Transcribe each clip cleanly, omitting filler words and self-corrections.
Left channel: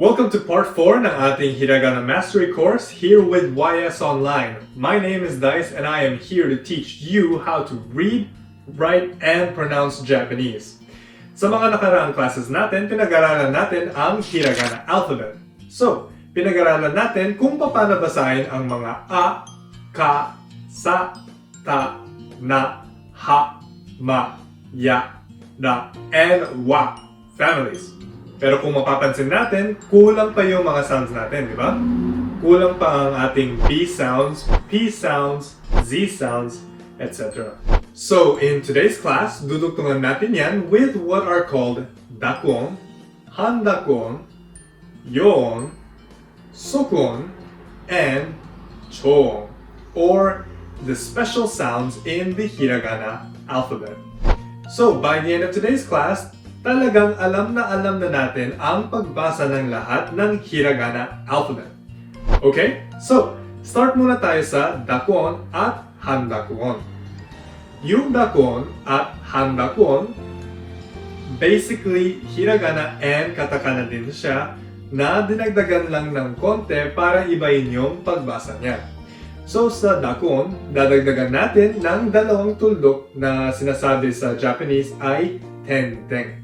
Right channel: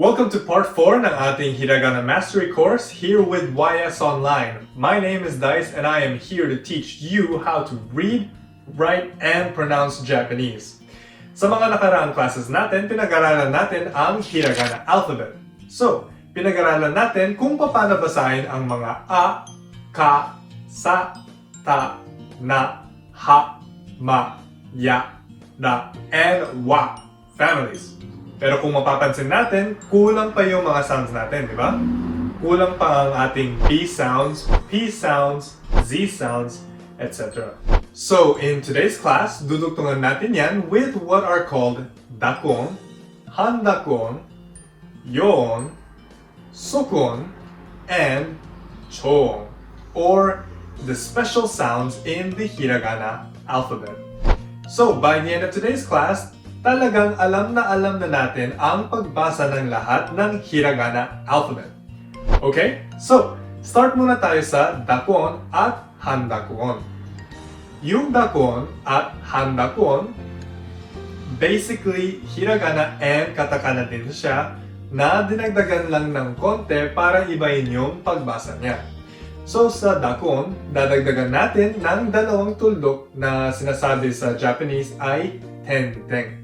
Welcome to part 4 ng ating Hiragana Mastery course here with YS Online. My name is Dice and I am here to teach you how to read, write, and pronounce Japanese. Sa mga nakaraang classes natin, pinag-aralan natin ang Hiragana alphabet. So, pinag-aralan natin kung paano basahin ang mga A, Ka, Sa, Ta, Na, Ha, Ma, Ya, Da, and Wa families. Pero kung mapapansin natin, kulang pa yung mga sounds natin, di ba? Kulang pa ang ating B sounds, P sounds, Z sounds, etc. So, in today's class, dudugtungan natin yan with what are called Dakuon, Handakuon, Yon, Sukon, and Choon, or the special sounds in the Hiragana alphabet. So, by the end of today's class, talagang alam na natin ang pagbasa ng lahat ng Hiragana alphabet. Okay? So, start muna tayo sa Dakuon at Handakuon. Yung Dakuon at Handakuon, basically, Hiragana and Katakana din siya na dinagdagan lang ng konti para ibahin yung pagbasa niya. So, sa Dakuon, dadagdagan natin ng dalawang tuldok na sinasabi sa Japanese ay tenteng.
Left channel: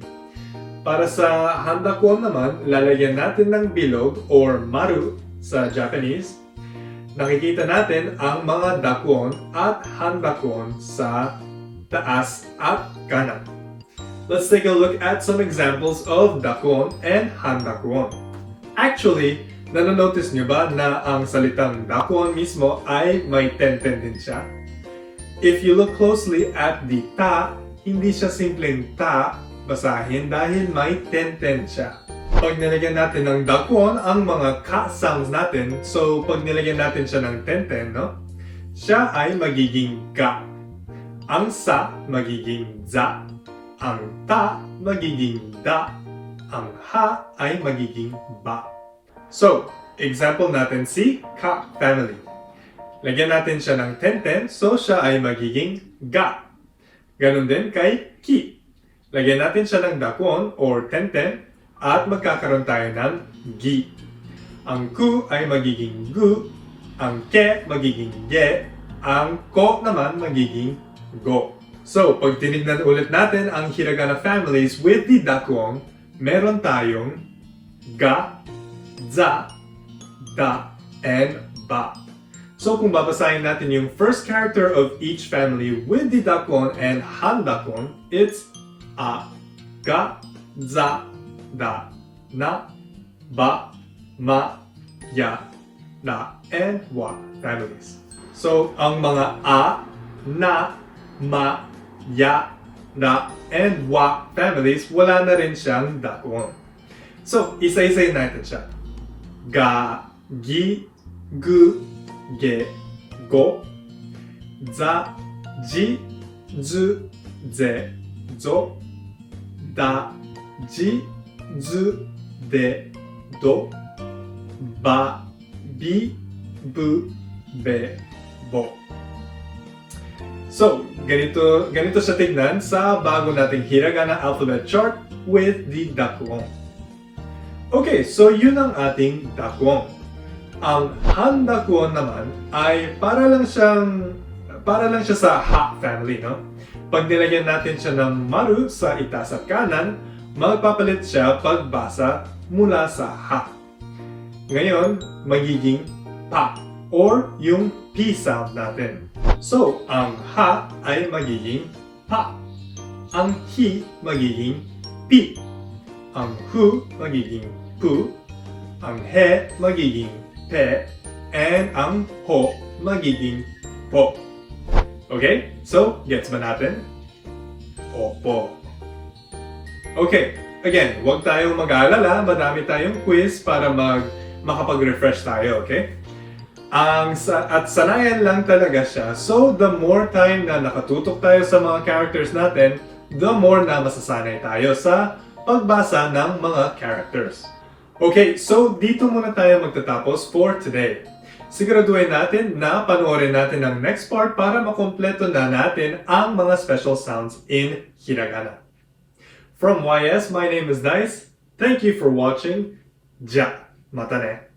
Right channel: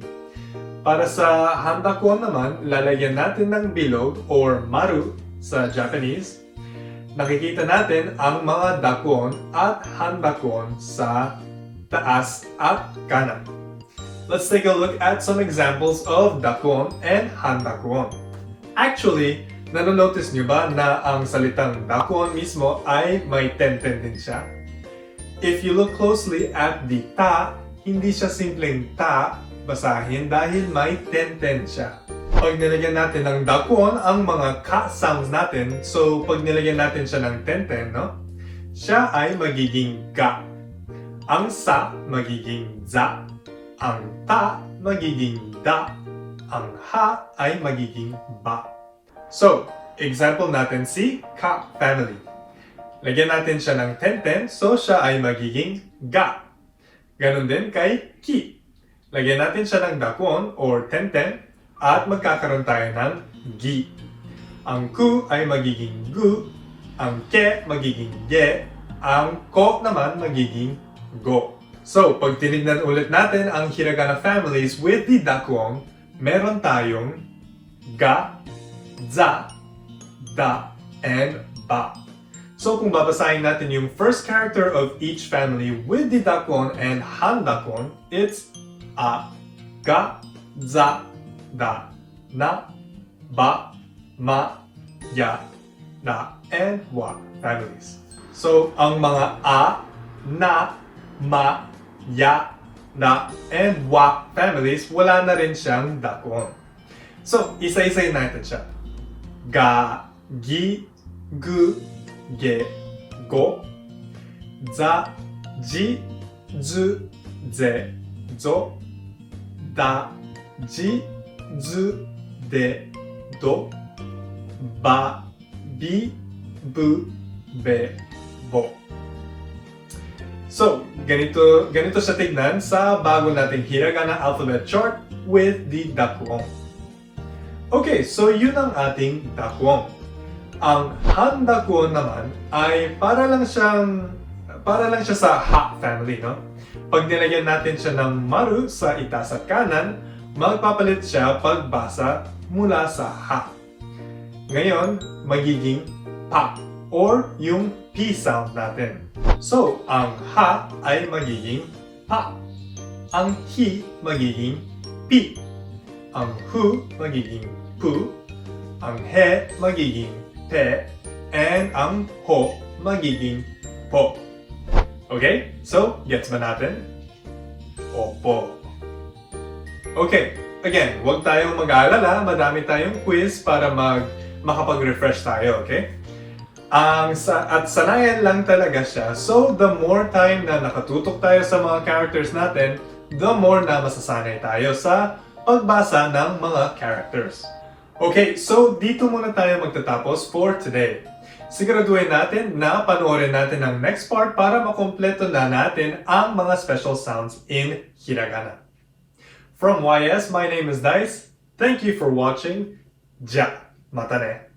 Para sa Handakuon naman, lalagyan natin ng bilog or maru sa Japanese. Nakikita natin ang mga Dakuon at Handakuon sa taas at kanan. Let's take a look at some examples of Dakuon and Handakuon. Actually, nanonotice nyo ba na ang salitang Dakuon mismo ay may tenten din siya? If you look closely at the ta, hindi siya simpleng ta basahin dahil may tenten siya. Pag nilagyan natin ng Dakuon ang mga ka sounds natin, so pag nilagyan natin siya ng tenten, no? Siya ay magiging ga. Ang sa magiging za. Ang ta magiging da. Ang ha ay magiging ba. So, example natin si ka family. Lagyan natin siya ng tenten, so siya ay magiging ga. Ganon din kay ki. Lagyan natin siya ng Dakuon or tenten at magkakaroon tayo ng gi. Ang ku ay magiging gu, ang ke magiging ge, ang ko naman magiging go. So, pag tinignan ulit natin ang Hiragana families with the Dakuon, meron tayong ga, za, da, and ba. So, kung babasahin natin yung first character of each family with the Dakuon and Handakuon, it's A, ga, za, da, na, ba, ma, ya, da, and wa families. So, ang mga a, na, ma, ya, da, and wa families, wala na rin siyang Dakuon. So, isa-isay natin siya. Ga, gi, gu, ge, go, za, ji, zu, ze, zo, da, ji, zu, de, do, ba, bi, bu, be, bo. So, ganito siya tignan sa bago nating Hiragana alphabet chart with the Dakuon. Okay, so yun ang ating Dakuon. Ang Handakuon naman ay para lang siya sa ha family, no? Pag nilagyan natin siya ng maru sa itaas at kanan, magpapalit siya pagbasa mula sa ha. Ngayon, magiging pa or yung P sound natin. So, ang ha ay magiging pa. Ang hi magiging pi. Ang hu magiging pu. Ang he magiging pe. And ang ho magiging po. Okay? So, gets ba natin? Opo. Okay. Again, huwag tayong mag-aalala. Madami tayong quiz para makapag-refresh tayo. Okay? At sanayan lang talaga siya. So, the more time na nakatutok tayo sa mga characters natin, the more na masasanay tayo sa pagbasa ng mga characters. Okay, so dito muna tayo magtatapos for today. Siguraduhin natin na panoorin natin ang next part para makompleto na natin ang mga special sounds in Hiragana. From YS, my name is Dice. Thank you for watching. じゃ、またね。